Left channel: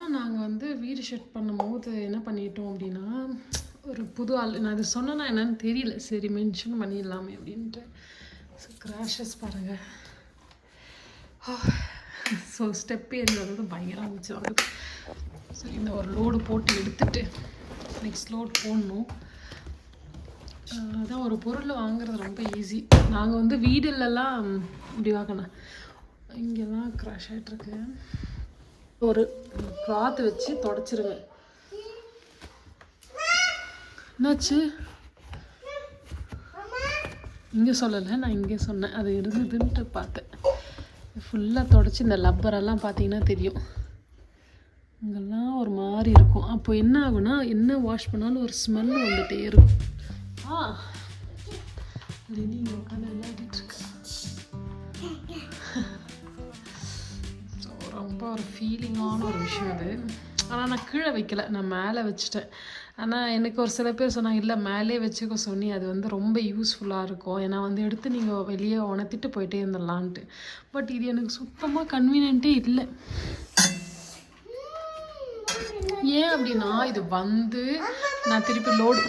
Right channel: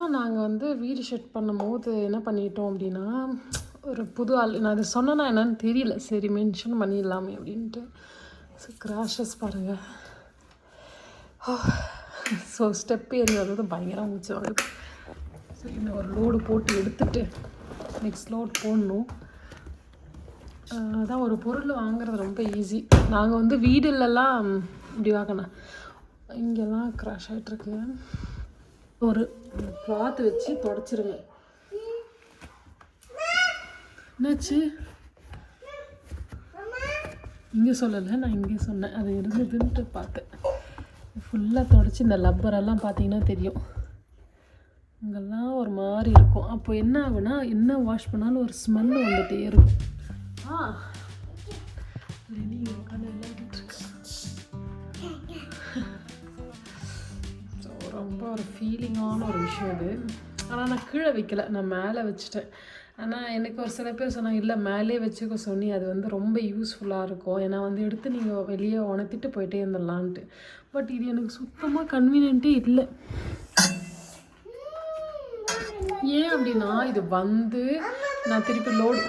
நாங்கள் வந்து வீடு ஷிஃப்ட் பண்ணும்போது என்ன பண்ணிட்டோம் அப்படின்னா ஒரு புது ஆள் நான் அது சொன்னேன்னா என்னன்னு தெரியல. சரி மென்ஷன் பண்ணிடலாமே அப்படின்ட்டு. ஸோ கிராஷஸ் பாருங்கள் ஸோ oh, ஸ்டெப் ஏறினது பயங்கரமாக பயங்கரம் மூச்சு வாங்குது இந்த ஒரு லோடு போட்டு எடுத்துட்டு நெக்ஸ்ட் லோட் போடணும். அதான் ஒரு பொருள் வாங்குறது ரொம்ப ஈஸி நாங்கள் வந்து வீடுலலாம் இப்படி வாங்கினேன் இங்கெல்லாம் க்ராஷ் ஆகிட்டுருக்கு ஒரு கிளாத் வச்சு தொடச்சிருங்க. என்னாச்சு? இங்கே சொல்லலை நான் இங்கே சொன்னேன். அது இருந்ததுன்ட்டு பார்த்தேன். ஃபுல்லாக தொடச்சி இந்த லப்பரெல்லாம் பார்த்தீங்கன்னா தெரியும். இங்கெல்லாம் ஒரு மாதிரி இருக்கும். அப்போ என்ன ஆகும்னா என்ன வாஷ் பண்ணாலும் ஒரு ஸ்மெல் வந்துகிட்டே இருக்கும். ஆ ஃபீலிங்கான ஒரு விஷயம் அது. ஆனால் நான் கீழே வைக்கல. நான் மேலே வச்சுட்டேன். ஆனால் எனக்கு ஒரு சில பேர் சொன்னாங்க இல்லை மேலே வச்சுக்க சொன்னி. அது வந்து ரொம்ப யூஸ்ஃபுல்லாக இருக்கும். ஏன்னா வந்து எடுத்து நீங்கள் வெளியே உணர்த்திட்டு போயிட்டே இருந்துடலான்ட்டு. பட் இது எனக்கு சுத்தமாக கன்வீனியன்ட்டே இல்லை. ஏன் அப்படின்னா இது வந்து நான் திருப்பி லோடு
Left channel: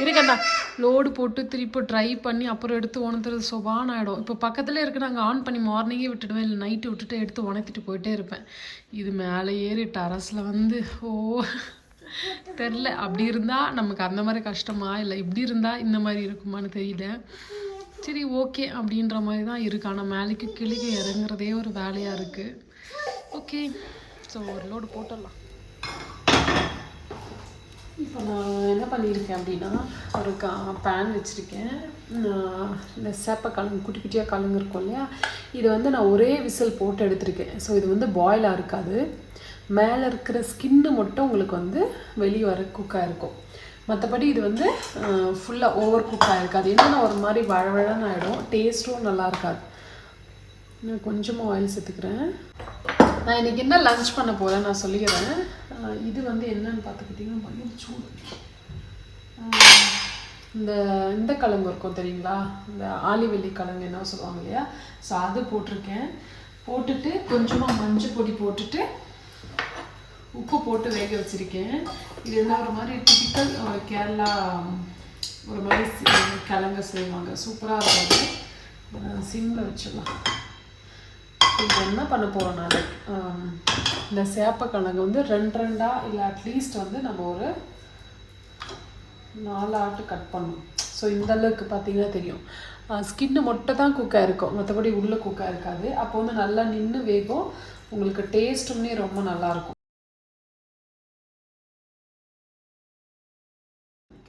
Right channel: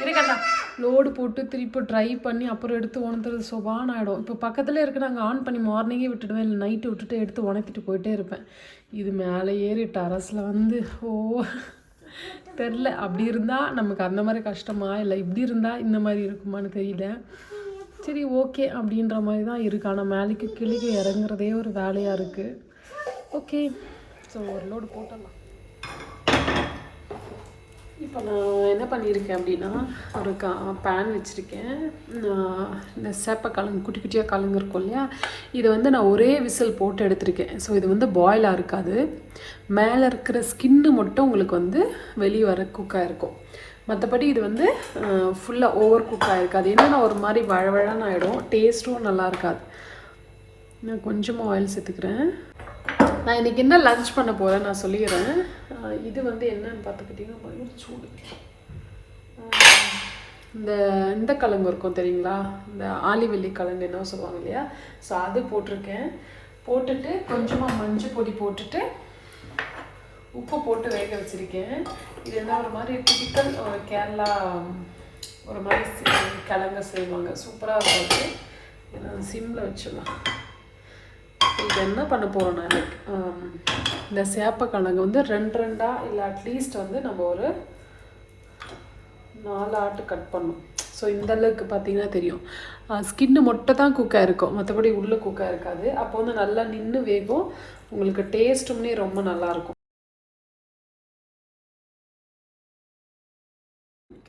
இருக்கண்டா லோடு போட்டு திருப்பி ட்ரை பண்ணி அப்புறம் எடுத்து உணர்த்துறது சுபான் ஆகிடும் இப்போ பக்கத்தில் இருக்க நாங்கள் ஆன் பண்ணி மார்னிங்கே விட்டுடுவேன் இல்லை நைட்டு விட்டுட்டு எடுத்து உணர்த்திட்டு போயிட்டே இருப்பேன். இது மேலே ஏறி டெரஸில் வந்து ஓ தெரில. அப்படி இருந்தால் நமக்கு அந்த மாதிரி கஷ்டமா? இல்லை இப்படி இருந்தால் இந்த மாதிரி இருக்குமான்னு தெரியல. சரி ஓகே அப்படின்ற மாதிரி தான் இருக்கு. ஆனால் மேலேக்கு கிளிக்கு இறங்குறதே ஒரு வேலையாக இருக்குது ஓகே ஸோ ஒரு லோடு போட்டுடலாம். இப்போ நான் என்ன பண்ணியிருக்கேன் அப்படின்னா ஒரு கா பேன் வச்சுருக்கேன். இந்த சேப்பை கலந்து குட்டி குட்டியாக கலந்துருக்கும் இல்லையா? இதை வந்து நான் ஒரே விசில் போட்டு எடுத்திருக்கேன். ஸோ இது வந்து பாயிலாக இருக்காது. மேலே இருக்கிற ஸ்கின்னு மட்டும் உங்களுக்கு வந்து வெளியே வர குக்காக இருக்கும். மற்றபடி இது வந்து ஃபுல்லாக ஓவர் குக்காக இருக்காது. என்னன்னா ஒரு மாதிரி வழவழன்னு ஆகிடும் டேஸ்ட்டும் நல்லா இருக்காது. நான் கொஞ்சமாக ஆயில் சேர்த்துக்கிறேன். நான் இன்றைக்கி என்ன லன்ச் பண்ண போகிறேன் நான் சொல்லிக்கிறேன் இது வந்து என்னன்னு பார்த்துக்கிட்டிங்கன்னா பயங்கர சூடு. இந்த இந்த கிழங்கு இருக்கும் தெரியுங்களா? இந்த ஆலிவெள்ளி கிழங்கு என்ன சொல்லுவாங்க இல்லையா? ஸோ அது போட்டிருக்கேன். போட்டுட்டு கொஞ்சமாக மஞ்சள் பொடி போட்டுட்டு உப்பு போட்டு வேக வச்சுருக்கேன். இது என்ன ஒரு மாதிரி டிபிக்கல் ஒரு கேரளா ஒரு மாதிரி கிழங்கு செய்வாங்க. சூப்பராக இருக்கும். சிம்மில் வச்சிடலாம். இப்போ என்ன பண்ண போகிறோன்னா இந்த இந்த சேப்பக்கிழங்கு வந்து ரெண்டு ரெண்டாக இல்லை அட்லீஸ்ட் வந்து நம்ம ஒரு நாலு ஆட்டு கட் பண்ணணும். ஸோ இந்த அளவுக்கு பார்த்தீங்கன்னா தெரியும். ஸ்கின்னு மட்டும் தான் குக்காக இருக்கும் மற்றபடி உள்ளே குக்காக இருக்காது. அப்போ வந்து நல்லா நின்று வேகும். உங்களுக்கு டேஸ்ட்டுமே ரொம்ப நல்லாயிருக்கும் இருக்கும்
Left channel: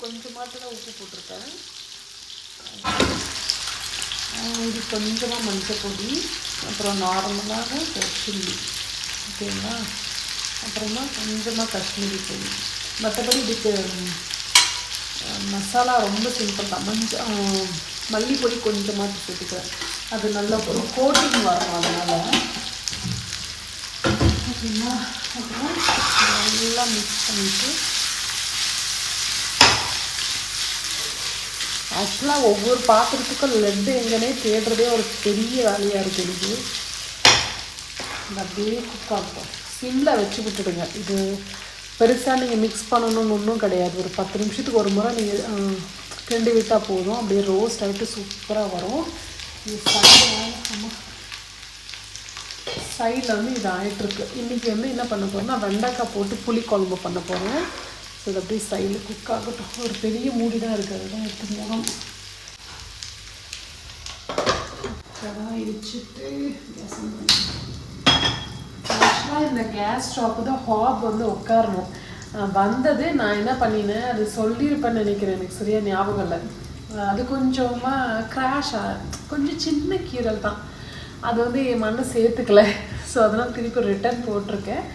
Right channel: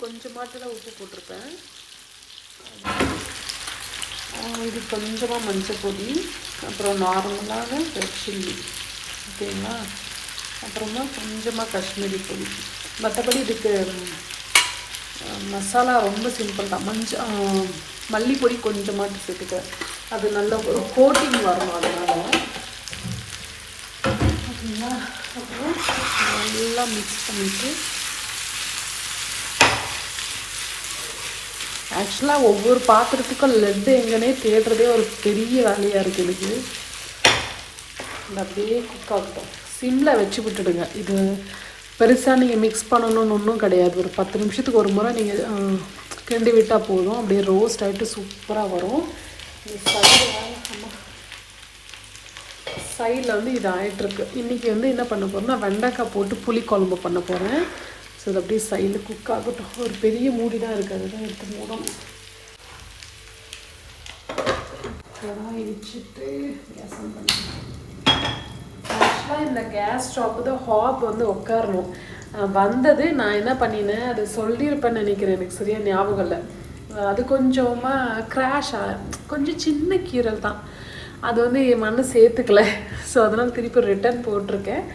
கொஞ்சமாட்டில் உப்பு போட்டிருக்கேன் இது கொஞ்சமாக மஞ்சள் பொடி அப்புறம் நார்மலாக சில்லி ஓகேங்களா? அப்புறமா கொஞ்சமாக காஷ்மீரி பொடி. மற்றபடி இதுக்கு மசாலா ரொம்ப சிம்பிள் தான். மஞ்சள் மல்லிப்பொடி கொஞ்சமாக சேர்த்துக்க அது நல்ல ஒரு கோட்டிங் வரும் அதனால். ஓகேங்களா? அப்புறம் நல்லா மிக்ஸ் பண்ணிட்டு ஆக்சுவலாக ஒவ்வொரு பாத்திரத்துக்கும் லெட்டு எங்கன்னே தேடுறதே ஒரு பெரிய வேலையாக இருக்குது இது அப்படியே குக் ஆகட்டும் சிம்மில் வச்சு விட்டுடுங்க. இது பெருசாக நீங்கள் மிக்ஸ் பண்ணணும்னு ஒன்றும் கிடையாது. ஒரு பத்து நிமிஷத்துக்கு ஒரு முறை நீங்கள் கிண்டி விட்டால் போதும். அப்படியே ரோஸ்ட் ஆகிட்டு சூப்பராக வரும். சைடில் வந்து இது ஆகிட்டுருக்கு இன்றைக்கி வந்து என்ன பண்ண போகிறோம்னா வெண்டைக்காய் போட்டு புளிக்குழம்பு பண்ண போகிறேன் ஸோ இது அப்படியே சைடு குக் ஆகட்டும். ஒரு பெரிய மூடி தான் இருக்குது அதுதான் எடுத்து மூணும். கடாய் இடிச்சிட்டு ரசம் பண்ணுறேன் ஆக்சுவலாக இந்த கேஸ் ஸ்டவ் தான் ஹாப் வந்து உட்காரணும். வந்தது நான் என்ன பண்ணினேன் அது சொல்லியிருப்பேன்னு நினைக்கிறேன் எனக்கு சரியாக ஞாபகம் இல்லை. அது கொஞ்சமாக கிராஷ் கொஞ்சம் சின்ன கீரல் தான். அது வந்து என் மண்ணு சேர்த்துக்கல. ஸோ அதனால் திருப்பி ரிட்டர்ன் போட்டிருக்கேன்.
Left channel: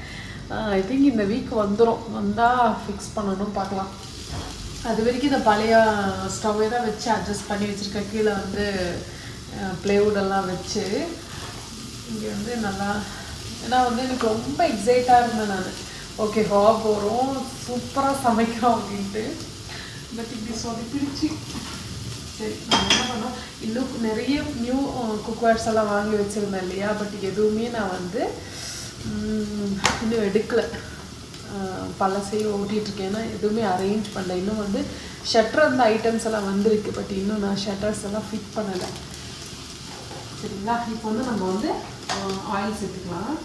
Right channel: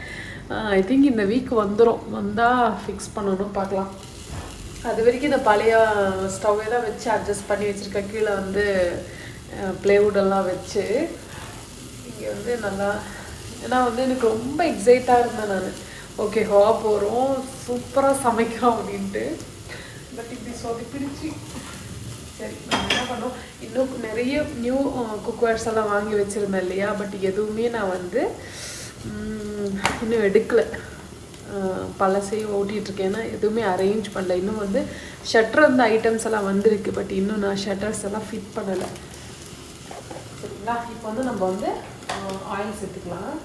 ஐ திங்க் இந்த வீக் வந்துடும் வந்தால் ஃபிக்ஸ் பண்ணணும் பார்க்கலாம். அது வரைக்கும் இந்த பழைய ஸ்டவ்வே தான் வச்சு அட்ஜஸ்ட் பண்ணி வச்சுருக்கேன். கீழே வந்து ப்ளேவுடெல்லாம் வச்சு இங்கே வந்து நல்லா ஏன்னா வந்து எனக்கு ரொம்ப எக்ஸைட்டாக இருந்தேன் நான் ஓகே ஹா போகிறோம் சூப்பராக சமைக்கிறோம் அப்படின்ட்டு. பட் இப்படி சொதப்பிடுச்சு சரி நான் என்ன பண்ணோம்? இன்னும் நிறைய நியூ குக்வேர்ஸ் எல்லாம் வாங்கி வச்சுருந்தேன் இல்லையா? பட் எதுவுமே நான் வந்து இன்னும் எடுக்கலை. பழசையும் ஓட்டிகிட்டு இருக்கேன்னா எதுவுமே அரேஞ்ச் பண்ணல. இன்னும் வந்து ஷட்டர் அந்த ஐட்டம்ஸ் எல்லாம் வந்திருக்கு. பட் இன்னும் நான் ஷட்டர்ஸ் எல்லாம் ஃபிட் பண்ணலை. சரிங்களா? இப்போ வந்து நம்ம வந்து ஆயில் சேர்த்துக்கலாம்.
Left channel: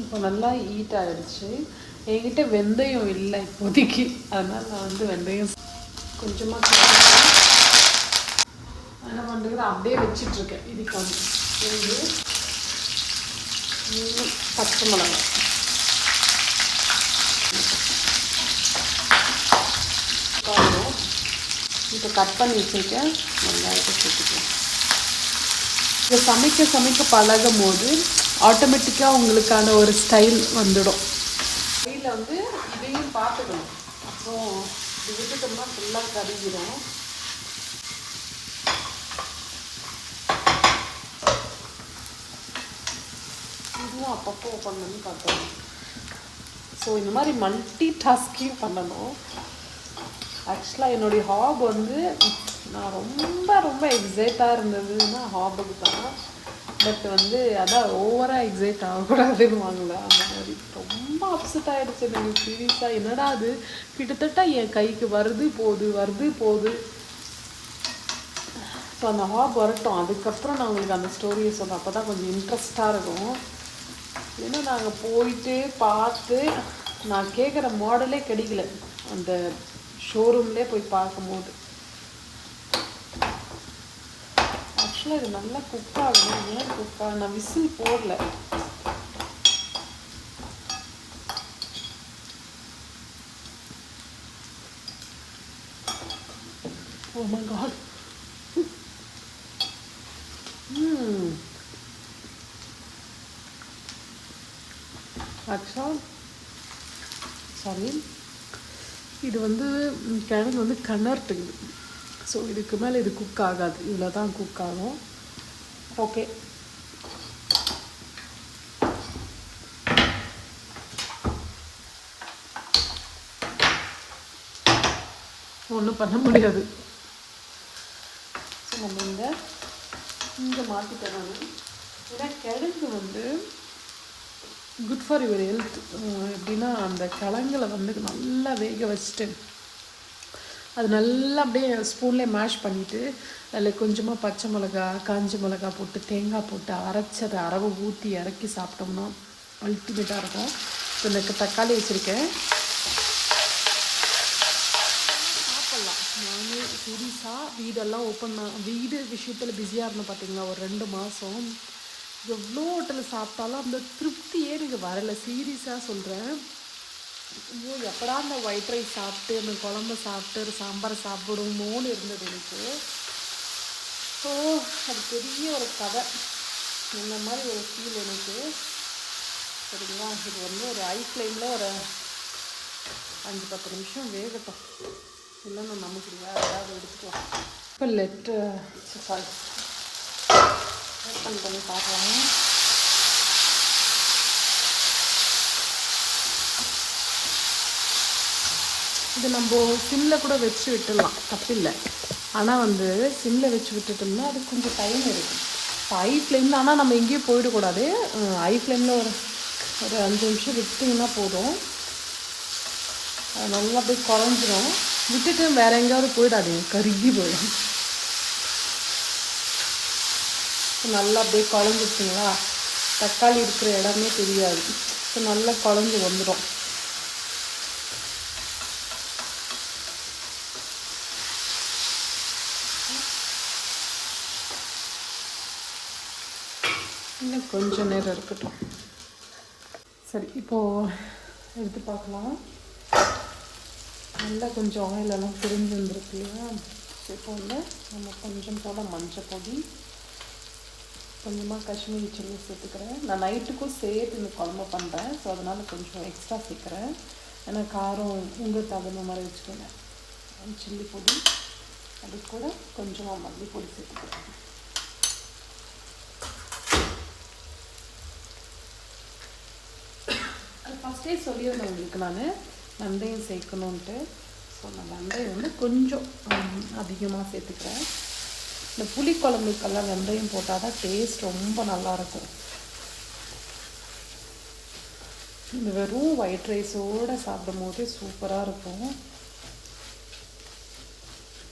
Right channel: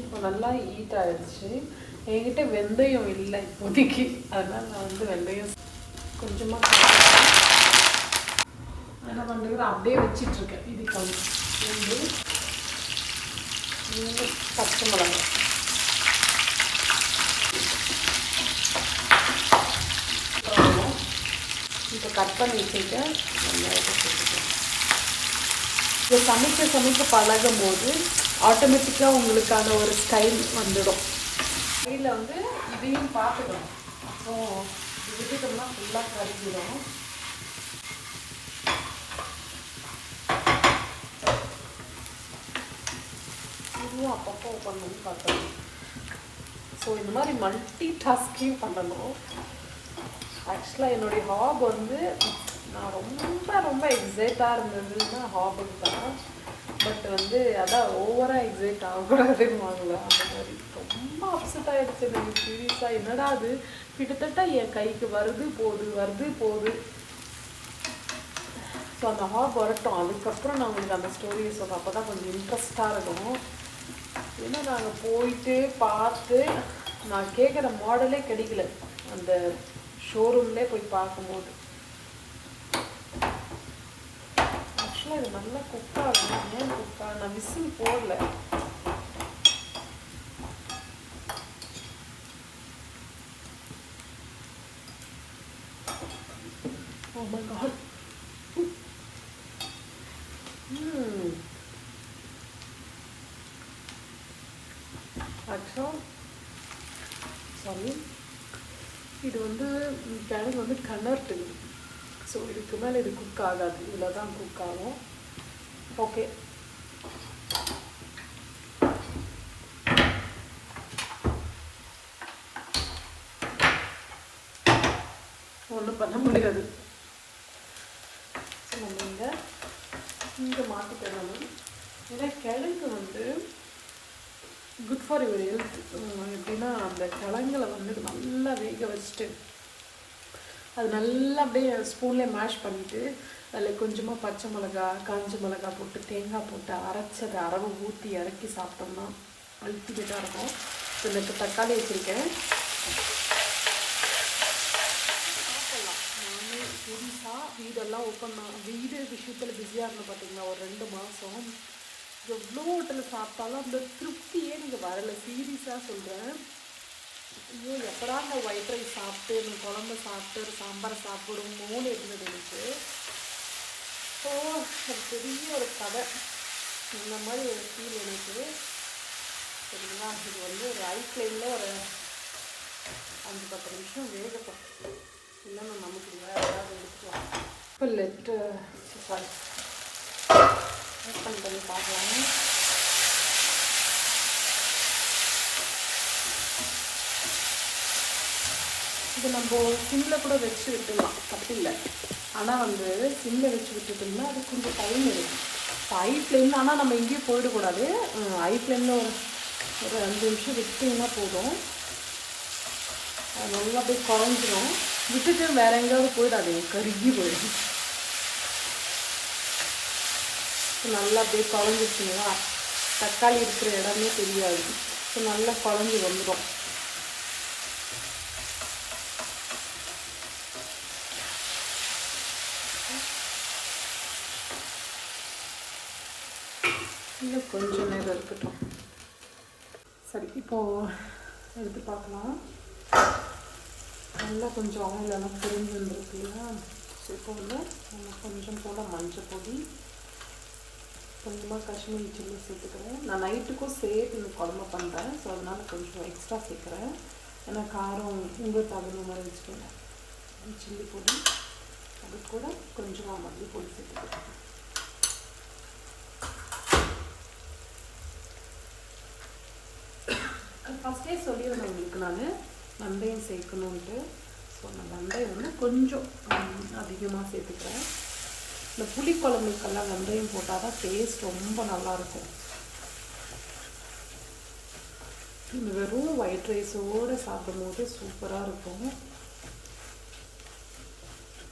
இப்போ நல்லா ஹீட் ஆயிடுச்சு. என்கிட்ட வெந்தயம் இல்லை இப்போதைக்கு. அதனால் நான் வந்து வெந்தயம் கொஞ்சமாக என்ன பண்ணுறது அப்படியே வச்சிட்ருக்கேன். இதுக்கு வந்து பூண்டு பச்சை மிளகாய். இப்போ கட் பண்ணி வச்சுருக்கேன். வெங்காயத்தை சேர்த்துக்கலாம் இது சமைக்க சமைக்க பழகும் போது ஆட்டோமேட்டிக்காக உங்களுக்கான ஒரு ஸ்டைல் வந்துடும். ஸ்டைலில் வந்து இதையும் பார்த்துக்கணும். அப்புறம் இது விட்டுட்டோம்னா ஃபுல்லாக கருகிடும். இதுவும் அப்பப்போ ஓப்பன் பண்ணி பார்க்கணும் ஸோ இந்த மாதிரி மல்டி டாஸ்கிங் பண்ணணும். ஆக்சுவலாக என்னுடைய ஹாப் வந்து நான் ரொம்ப ரொம்ப எக்ஸைட்டாக இருந்ததுன்னா ஹாபுக்கு தான் பட் வந்து அதான் ஓவராக எக்ஸைட் ஆகக்கூடாதுன்னு வாங்கல அந்த மாதிரி ரொம்ப அப்செட் ஆகிடுச்சு எனக்கு. சீரியஸாக என்னடா அது? கிட்டத்தட்ட என் கைக்கு வருது போகுது வருது போகுது ஸோ அந்த ஹாப் வரட்டும். அதுக்கப்புறம் நான் உங்களுக்கு அந்த ஸ்டோரியை சொல்ல அப்போ தான் கொஞ்சம் இன்ட்ரெஸ்டாக இருக்கும். ஏன்னா நாங்கள் போயிட்டு பார்த்து நான் கேட்குற மாடலே கிடைக்கல. அந்த ஷோரூம்லே போய் பார்க்கும்போது. ஆக்சுவலாக இது நல்லா குக் ஆகும் ஏன் குக் ஆகும் நான் விசில் போடல. Oh my god. Hmm. ஆக்சுவலாக சாரி இது வந்து கிழங்கு வந்து கனர்ட்டுங்க ஸோ இதுக்கு மேலே இது குக் ஆகாது. இவ்வளோ தான் குக் ஆகும். ஓகே ஒன்றும் பண்ண முடியாது. ஸோ நம்ம இந்த இந்த மாற்றி தரணும். ஏன்னா கிழங்கு வந்து குட் ஃபார் யுவர் ஹெல்த் எப்படின்னா அந்த கிழங்குல வந்து நல்லா வேக வச்சுட்டு அது நல்லா அப்படியே ஸ்பூன்லேயே மேஷ் பண்ணிவிட்டு அதில் கொஞ்சமாக பச்சை மிளகா காஞ்ச மிளகா போட்டு தேங்காய் போட்டு அரைச்சி அதை அரவை ஊற்றி இறக்கி சாப்பிட்டோம்னா அல்டிமேட்டாக இருக்கும். இப்போ எனக்கு தக்காளி வச்சுருக்கேன். நானே புதுசாக வீடெல்லாம் ஓப்பன் வீடு விஷயத்தில் பிஸியாக இருந்தேன் பார்த்தீங்களா ஒரு ரெண்டு மாதம் எவ்வளோ ஹோட்டலில் சாப்பிட்டாலும் அந்த திருப்தியே எனக்கு வரலை. சீரியஸாக சொல்கிறேன் ஐயோ எப்படா அந்த ஒயிட் ரைஸ் சாப்பிட்டு அந்த குழம்பு சாப்பிட்டு சாம்பாரை சாப்பிடுமோன்னு இருந்தது எனக்கு. ஸோ அது பெரிய ஒரு கதை. இந்த மாதிரி ஒரு ஃபீல் எனக்கு. சரிங்களா? இது வந்து ஒரு ஐ ஃப்ளேமில் ஒரு அஞ்சு பத்து நிமிஷம் வேகட்டும். இல்லைன்னு நமக்கு அதாவது எடுத்துக்கலாம் இப்போ லெட்டு சாரி ஓப்பன் பண்ணி பார்க்கலாம். இது நம்ம சிம்மில் கூட வச்சு விட்டுடலாம். தப்பில்லை. ஆனால் வந்து சிம்மில் வச்சு விட்டுட்டோம்னா அது கொஞ்சம் டைம் எடுக்கும். இப்போ ஐ ஃப்ளேமில் ஆனால் நம்ம எங்கேயும் போயிடக்கூடாது. ஐ ஃப்ளேமில் ஒரு ஒரு அஞ்சு நிமிஷம் விட்டிங்கன்னா போதும். நல்லா அப்படியே குழஞ்சிடும் விட்டுட்டு வேற எங்கேயாவது போயிடாது கருகி போயிடும். நல்லா அப்படியே குழஞ்சிச்சுங்களா தக்காளி இருக்கிற இடமே தெரியாது. இப்போ நல்லா குழஞ்சி வந்துடும் இன்னும் கொஞ்சம் நேரம் இருக்கட்டும். சரி இப்போது எடுத்து பார்க்கலாம். நல்லா கொஞ்சம் ஆயில் எல்லாம் பிரிஞ்சு இல்லையா? ஸோ இப்போ வந்து நம்ம கொஞ்சம் போல் மஞ்சள் பொடி கொஞ்சமாக காஷ்மீரி சில்லி சேர்த்துக்கிறேன். நான் நைட்டுக்கும் சேர்த்து இந்த குழம்பு பண்ணுறேன் ஸோ அதனால் கொஞ்சம் எக்ஸ்ட்ரா சேர்க்குறேன். ஏன்னா காரம் உங்களுக்கு தகுந்த மாதிரி வச்சுக்கோங்க. சில்லி பொடி அது கூட கொஞ்சமாக மல்லி பொடி சேர்த்துக்கிறேன். ஃபஸ்ட்டே சொல்லியிருந்தேன் உங்களுக்கு நான். வெந்தயம் சேர்க்கணுன்ட்டு ஸோ நான் வெந்தயம் வந்து கொஞ்சம் அதிகமாக சேர்த்துக்கிறேன். இந்த புளி குழம்புக்கெல்லாம் வெந்தயம் போட்டால் தான் டேஸ்ட் ரொம்ப நல்லாயிருக்கும். இந்த வெறும் ஒயிட் ரைஸோடு சாப்பிடும்போது சூப்பராக இருக்கும்.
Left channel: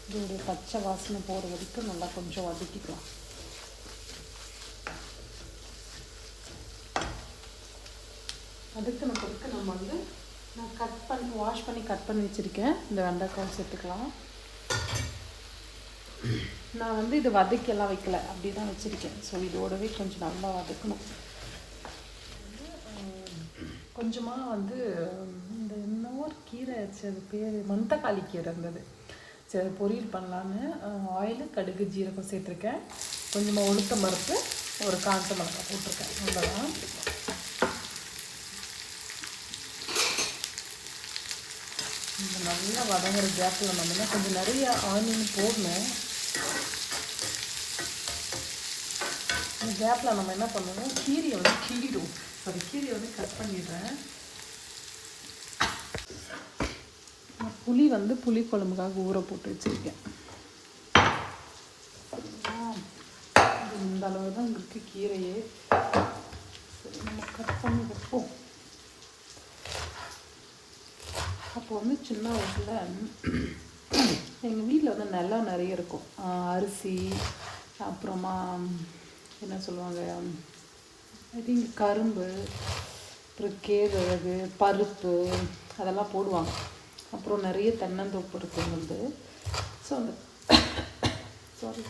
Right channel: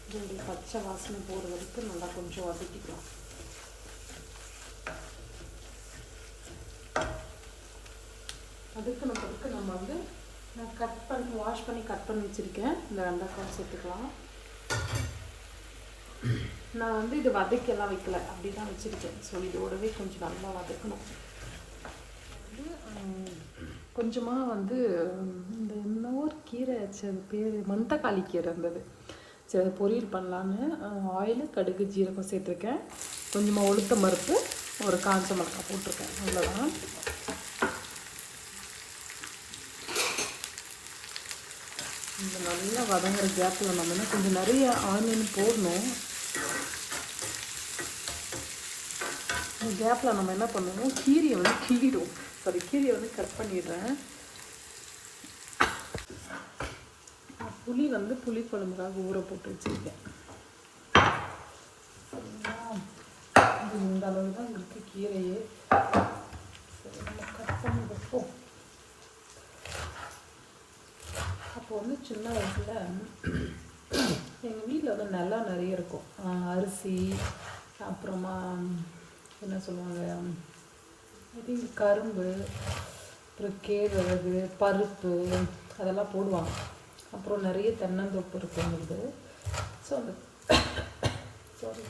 இதோடைய பச்சை வாசனை போகிற வரைக்கும் நல்லா கொஞ்சம் வதக்கிக்கலாம். அதுக்கு பிறகு நம்ம வந்து நான் கட் பண்ணி வாஷ் பண்ணி கட் பண்ணி வச்சுருக்கேன். இந்த வெண்டைக்காய் சேர்த்துக்கலாம். நான் வந்து இது வதக்கெல்லாம் வைக்கல. அப்படி தான் வச்சுருக்கேன். ஸோ இதோடவே கொஞ்சம் நல்லா வதக்கணும். கொஞ்சமாக வந்து இந்த இன்னொரு கீரை ஆச்சு அது பேர் மந்தக்காளி கீரை இருந்தது. சரி அதை பொரியல் பண்ணலான்னு ஆயில் கடுகு ஜீரகம் சேர்த்துருக்கேன். கொஞ்சமாக உளுத்தம் பருப்பு ஒரு காந்த மிளகாய் போட்டிருக்கேன். அவ்வளோதான் இந்த ஒரு கேப் கேப்பில் நம்ம கொஞ்சம் நிறைய ஆனியன் போடணும். இந்த கேப்பில் நம்ம என்ன பண்ணுவோம் கீரையை வந்து கீழிடும் சாரி கீரையை வந்து கட் பண்ணிடுறேன். புளி வந்து புளி குழம்புக்காக ஊற போட்டு வச்சுருக்கேன். இந்த அளவு தான் இருக்குது கீரையே சரி நம்ம கட் பண்ணி வைப்போம் அப்போ வந்து சின்ன வயசில் எங்கள் வீட்டில் வந்து நிலம் நிறைய இருக்கும். அரிசி அப்புறமா என்ன சொல்லுவாங்க ஐ திங்க் கரும்பு அப்புறம் கேழ்வரகு பருப்பு அதெல்லாம் போடுவாங்க. அப்புறம் நிறைய தென்னந்தோப்பு இருக்குங்கிறது ஸோ அந்த சாரி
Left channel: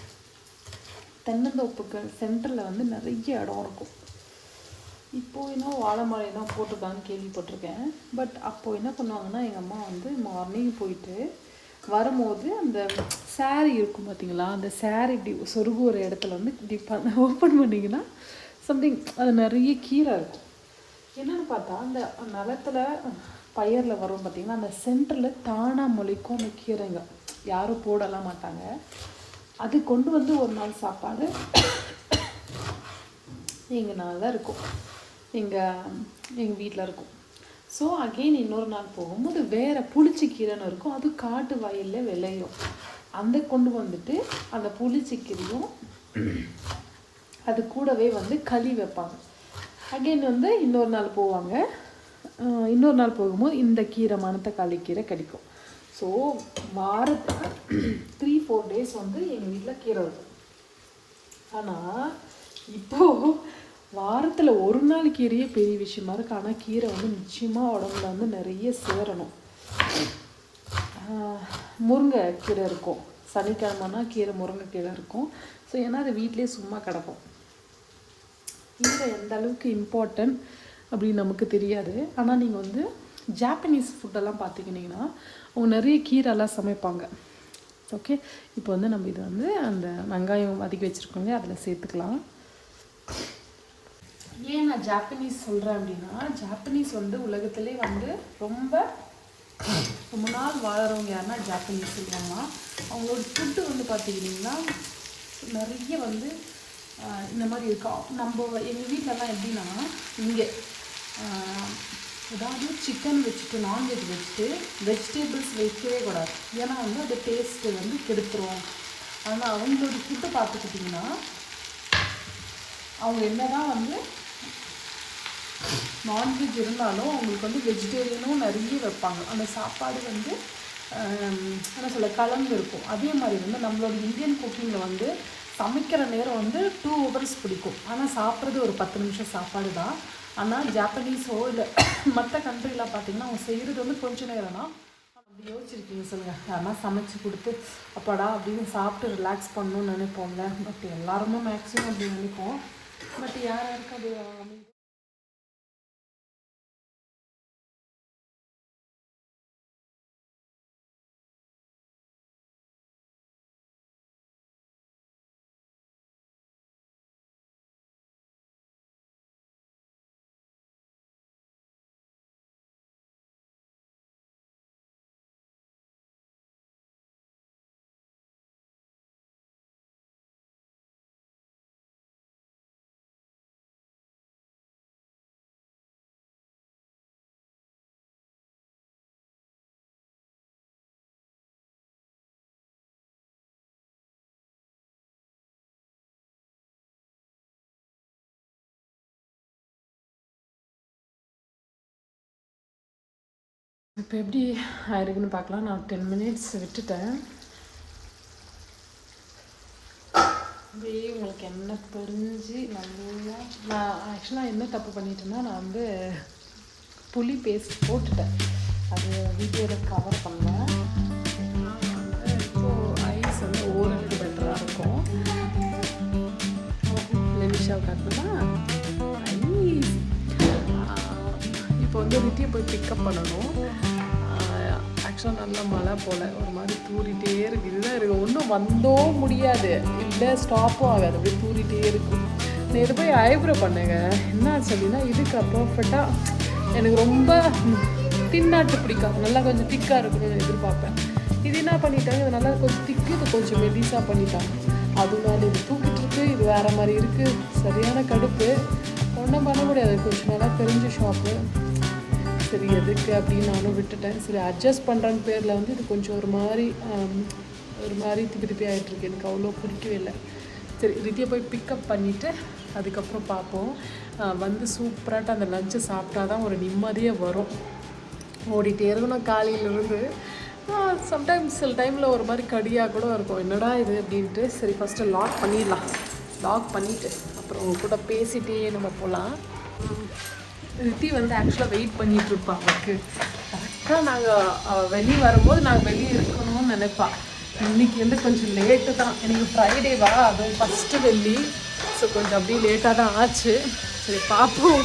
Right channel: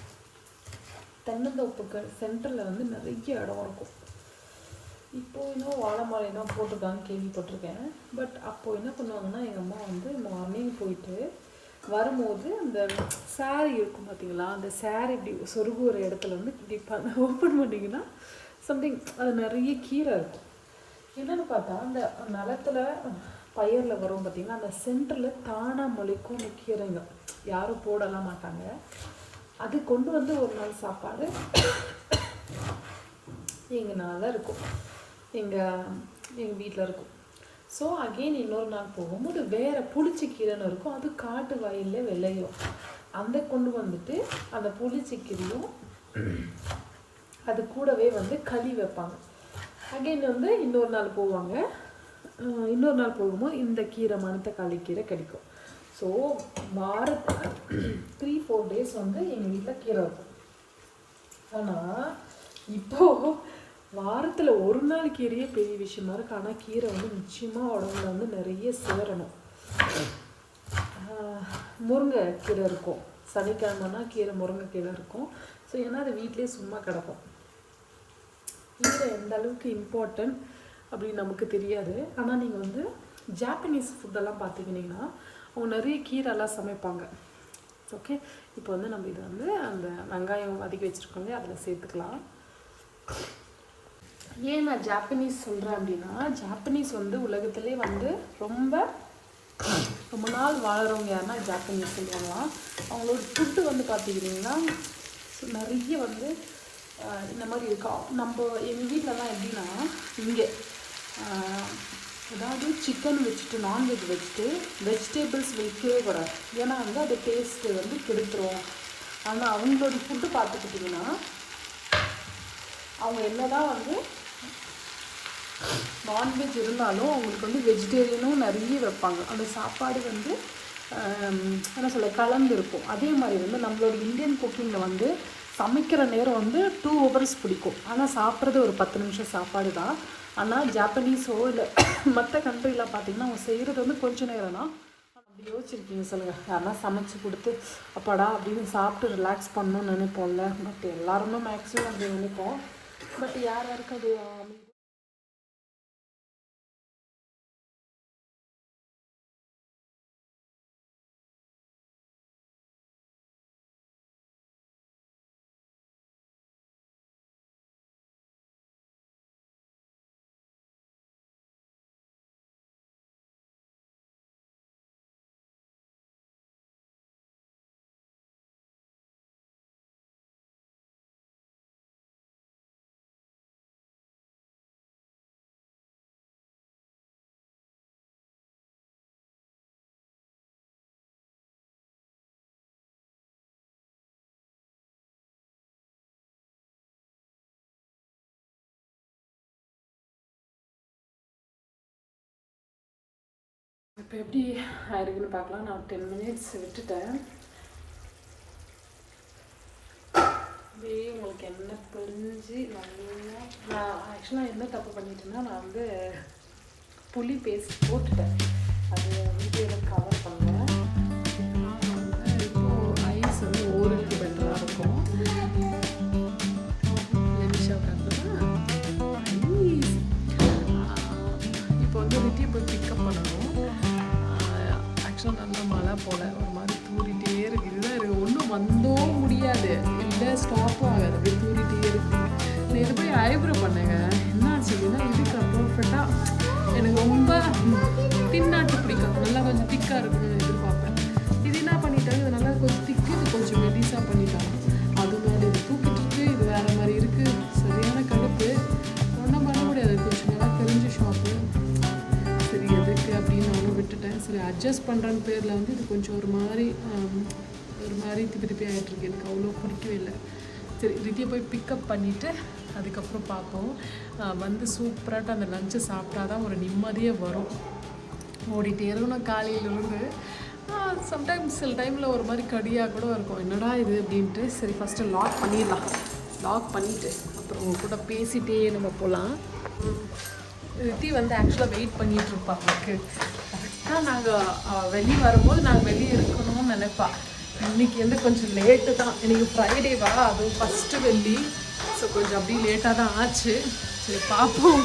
தென்னந்தோப்புக்கு சென்டரில் வந்து நிறைய இடம் இருக்கும். இப்போ என்ன வாழை மரம் தான் போட்டிருக்காங்க கேள்விப்பட்டிருக்கேன். பட் அப்போது என்ன பண்ணுவாங்கன்னா எங்கள் அம்மா வந்து மார்னிங் போயிட்டு வரும்போது அந்த சேரீ இருக்கும் பார்த்தீங்களா அந்த சேரீ இப்படி சொருகு ஒரு இடத்துல வந்து இப்படி பண்ண ஓப்பன் பண்ணிங்கன்னா சம்திங் அது நிறைய கீரை இருக்கும். என்னென்னு பார்த்தா அந்த நிலத்துல பயிரில் வரும் பார்த்தீங்கன்னா அந்த சென்டரில் தானாக முளைக்கும் அந்த கீரைங்க. யாரும் போடலாம் மாட்டாங்க. அது கொண்டு வந்து ஒரு நாள் சாப்பாடு எங்கள் நாள் தான் இருக்கும். எங்கள் எங்கள் வீட்டில் இருக்கும். ஸோ அகெயின் இன்னொரு நாள் போகும்போது வேறு புளிச்சி கீரைன்னு இருக்கும். அது காட்டு வயலில் விளையும். அந்த கொண்டு வந்துட்டு அந்த புளிச்சி கீரையும் அது கூடவே வந்து களி வைப்பாங்க. அகெயின் வந்து இன்னொரு நாள் போவாங்க. இன்னொரு நாள் போகும்போது இந்த கீரை மணத்தக்காளி கீரை கிடைக்கும். ஸோ வாரத்தில் த்ரீ ஃபோர் டேஸ் வந்து எங்கள் வீட்டில் கீரை இருக்கும். ஆனால் இப்போது வாரத்தில் ஒரு நாள் கீரையே பெரிய விஷயமா இருக்கு. ஆனால் கீரை வந்து நிச்சயமாக உடம்புல வந்து நிறைய சேரணும். முருங்கை கீரை இருக்கும். சனிக்கிழமைனா கீரை முருங்கைக்கீரை இருக்கும். ஸோ ஏன்னா அது வீட்லேயே சும்மா கிடக்கும். கீரை எந்த அளவுக்கு இம்பார்ட்டன்ட் அப்படின்னு நமக்கு தெரியாது. ஆனால் நீங்கள் வந்து ஜாப்பனீஸ் ஃபுட்டெல்லாம் பார்த்துக்கிட்டிங்கன்னா அவங்க நிறைய கீரைலாம் சமைப்பாங்க. ஓகே இப்போ வந்து நம்ம இது வந்து அந்த வெங்காயம் வதக்கி வச்சுருக்கோங்க அதில் சேர்த்துக்கலாம். ஏன் நான் ஜாப்பனீஸ் சொல்கிறேன் அப்படின்னா ஜாப்பனீஸ் வந்து உலகத்திலே வந்து ரொம்ப ரொம்ப நாள் வாழ்கிறவங்க யாருன்னா ஜாப்பனீஸ் சொல்லுவாங்க. அவங்களோட ஃபுட்டு வந்து பார்த்துக்கிட்டிங்கன்னா நிறைய வந்து இந்த மாதிரி இருக்கும் நம்ம எங்கள் வீட்டிலலாம் எப்படின்னா இங்கே அதாவது சிக்கன் வச்சுட்டு நான்வெஜ் வச்சுட்டு வெஜிடபிள்ஸ் வைக்கவே கூடாது. ஏன்னா வந்து அது டேஸ்ட்டு வந்து கெடுத்துருவோம் ஆனால் அவங்களோட ஃபுட்டு பார்த்துக்கிட்டிங்கன்னா அவங்க என்னதான் வந்து நான்வெஜ் இருந்தாலும் அவங்களுக்கு வந்து வெஜிடேரியனும் நிறைய வைப்பாங்க. அந்த சாப்பாடு வந்து என்ன சொல்ல கலந்து இருக்கும். அதே மாதிரி வந்து நம்மளோட இந்தியன் குக்கிங்கில் வந்து சமைக்கிற நேரம் வந்து டூ ஹவர்ஸ் பிடிக்கும். ஆனால் சாப்பிட்றது ஒரு பத்து நிமிஷம் சாப்பாடு தான். ஆனால் ஜாப்பனீஸோ இல்லை மற்ற கண்ட்ரிலாம் பார்த்தீங்கன்னா அவங்க செய்கிறது வந்து கொஞ்சம் நேரம் தான். அப்படி யோசிச்சிருக்கீங்க சொல்லுங்கள் யாரெல்லாம் சமைச்சு கொடுத்து அப்பாடா அப்படின்னு சாப்பிட்டு ரிலாக்ஸ் பண்ணணும்னு நினைப்போம்ல. பட் எல்லாருமே மேக்ஸிமம் அப்படி நினைப்போம். பட் யார் இருக்குது இப்போ எப்படி ஆயிருக்குன்னு பார்க்கலாம். நான் டென் மினிட்ஸ் விட்டுட்டேன். அப்படியே உங்களுக்கு என்ன புரிஞ்சு நல்லா நான் ஆக்சுவலாக என்ன தப்பு பண்ணிட்டேன்னா நான் வந்து புளி பேஸ்ட் போட்டுட்டேன். அது வீடியோவில் கவர் பண்ணேன் இப்போ ஐஸ் வந்து ஓரளவுக்கு பெட்டராக இருக்கும். நிமிஷம் ஐஸ் இப்போ வந்து ரிட்டியை போய் பிக்கப் பண்ணணும். ஆக்சுவலாக நல்ல மழை போல். ஒரு மாதிரி தூரிட்டே இருக்குது இதுதான் இருக்கு. ஒன்றும் வந்தோ முடியாது. இல்லை ஸ்டாப்பும் ஆகாது. அப்படியே தூரிட்டே இருக்கும். நேற்று போய் ஐப்ரோ பண்ணுங்க. என்ன சொல்லினா இதுக்கு பர்ஃபெக்டாக எனக்கு ரொம்ப தின்னாட்டு பிடிக்கும். நல்லா கொஞ்சம் திக்காக இருக்கணும்னு எதிர்பார்ப்பேன். இது என்ன பண்ணிட்டாங்க? இது நல்லா கொஞ்சம் திக்கு இது கொஞ்சம் மெலிசாக பண்ணிட்டாங்க. அது மேலே இது தூக்கிட்டு இருக்கு. இது வேறு மாதிரி இருக்குது சரியான கடுப்பு. ஒன்றும் பண்ண முடியாது. கொஞ்சம் நல்லா தெரிஞ்ச ஷாப்பு சரி எதுக்கு அப்படின்னு நானும் விட்டுட்டேன். சரி அட்ஜஸ்ட் பண்ணுறேன்னு பேரில் வந்து இது கொஞ்சம் ஒரு மாதிரி ஒரு மாதிரி திருப்பி திருப்பி ஆகிட்டுருக்கு எனக்கு அவ்வளோ பிடிக்கவே இல்லை. சரி ரித்தியை போய் பிக்கப் பண்ணிவிட்டு அதுக்கப்புறம் பார்ப்போம். வந்து சூப்பராகிட்டு அந்த லஞ்சை சாப்பிட்டா தான் ஒரு நிம்மதியே வரும். ஓடிட்டே இருக்கணும் காலையிலேருந்து சம்டைம்ஸ் சில டைமில் ஒரு மாதிரி கடியாக கூட இருக்கும். என்னடா இது அப்படின்ட்டு. சரி ஃபஸ்ட்டு லாக் பண்ணிடலாம். லாக் பண்ணிவிட்டு அப்புறம் உங்க கூட பேசிகிட்டே நம்ம போகலாம் ரித்தி வந்து ஆக்சுவலாக வெயிட் பண்ணிட்டு இருப்பா அவளுக்கு. கரெக்டாக நாங்கள் வெளியே வரும்போது நாங்கள் வெளியே இருக்கணும்னு நினைப்பா. இன்னைக்கு வந்து கொஞ்சம் லேட்டு தான். இன்னைக்கு ஃப்ரைடேவா அதுவும் ஃபஸ்ட்டு வெள்ளி. ஸோ கொஞ்சம் அப்படியே லேட்டாக தான் ஆச்சு. சரி பார்ப்போம்